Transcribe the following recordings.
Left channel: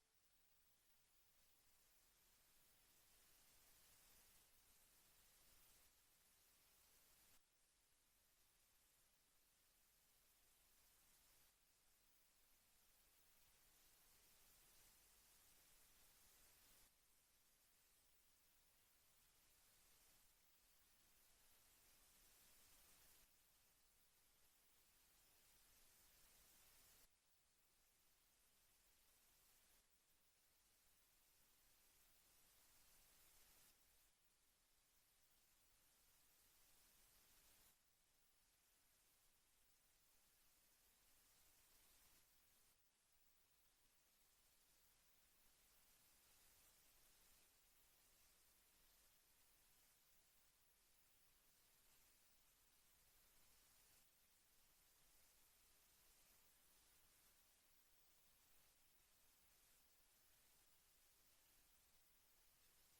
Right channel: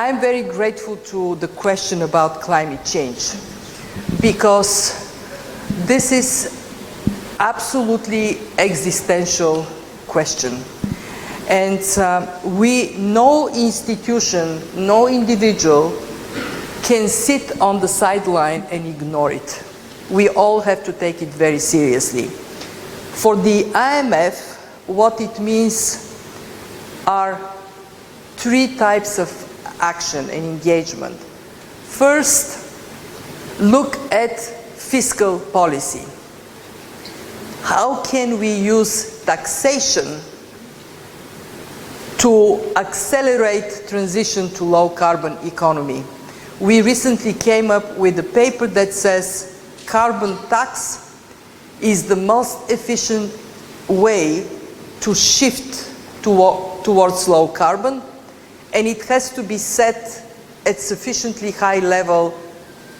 I'm very grateful to the question about climate change, because this is absolutely existential question. And no institution, no individual can sit on the sideline and ignore it. We all have to take it very seriously. For the IMF, what it means are three types of action and engagement. First, look at fiscal policy. How can we use taxation to accelerate transition to low carbon economy? We recently came up with a paper that says carbon tax is the most efficient way to shift towards low carbon, and it has to be set at sufficiently high level.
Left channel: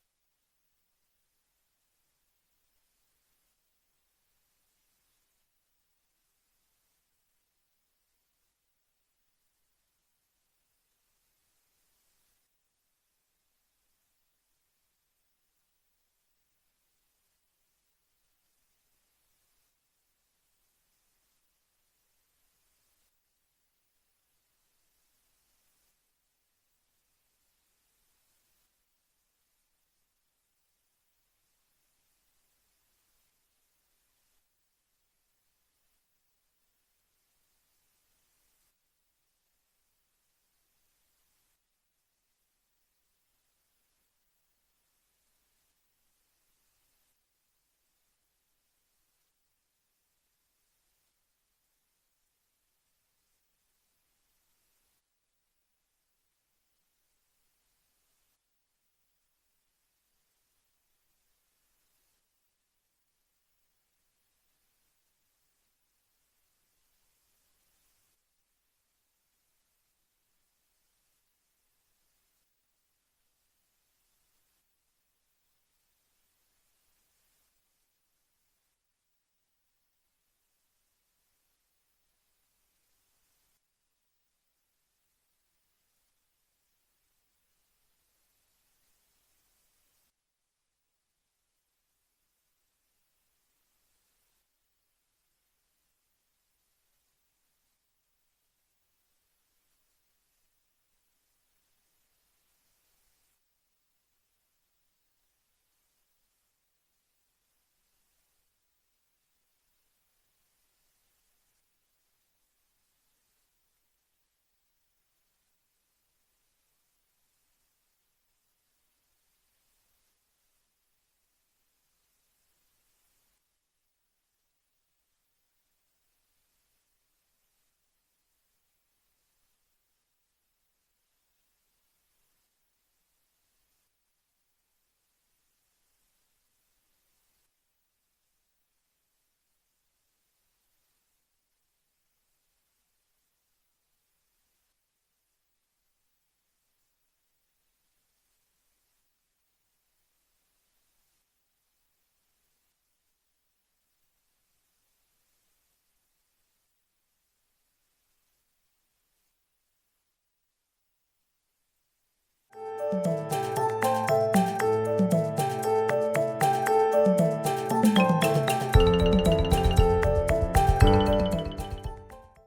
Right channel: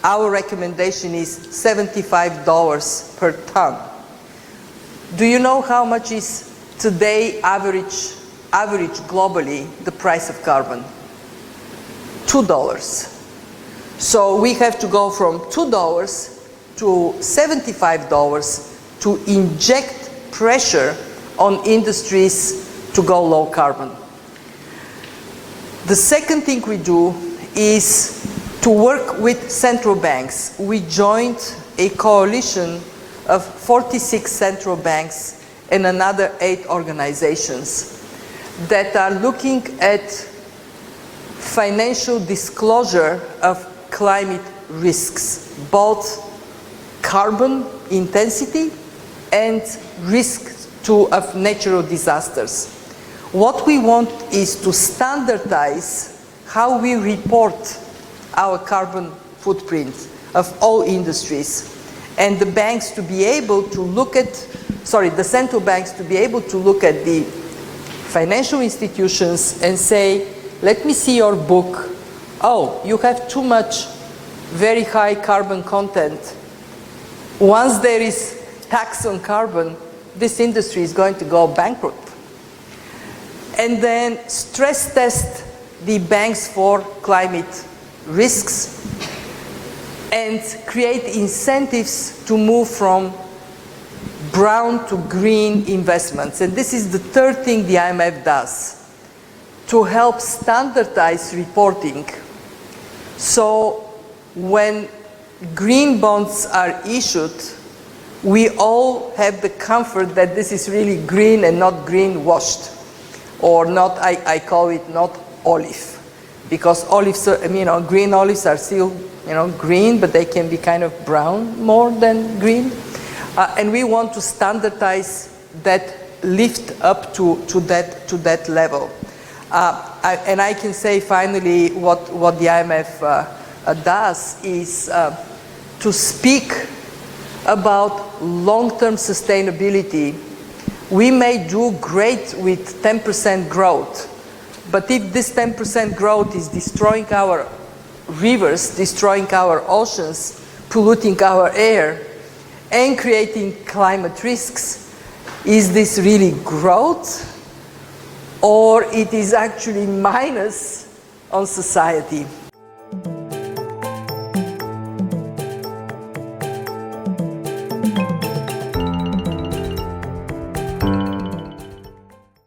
Our recommendation is $75 per ton. Do you know how much is today average globally the price of carbon? $2. So we have to go from $2 to $75 to inject pressure on industries to go low carbon. The second thing we do is to work with central banks. We joined a coalition of 46 central banks and another 8 organizations that are looking at financial disclosure of climate risks, both carbon intensity and risks of natural disasters. What we want is to standardize how we report our carbon footprint of all industries, and the banks to be able to look at, the central banks to be able to look at the financial institutions and say, let me see your book. Oh, you have too much very high carbon content. Once there is tax on carbon, this industry is going to go bankrupt. And then stress test the banks for climate risks and create incentives to move from brown to green investments. And this is the third thing the IMF does, to help standardize reporting. So when green bonds are issued, we all have the comfort that this is really green and not green washed, or not, I call it not olive, because olives, green olives are still, green, but they can be kind of brown more than green. And we want to standardize that, lift up to that level. And I can say finally what the IMF does is to speak about long-term sustainability. We may do great with 10% growth, but if this 10% growth is destroying our rivers, destroying our oceans, polluting our air, and creating climate risks, is this really growth, or it is actually minus on society?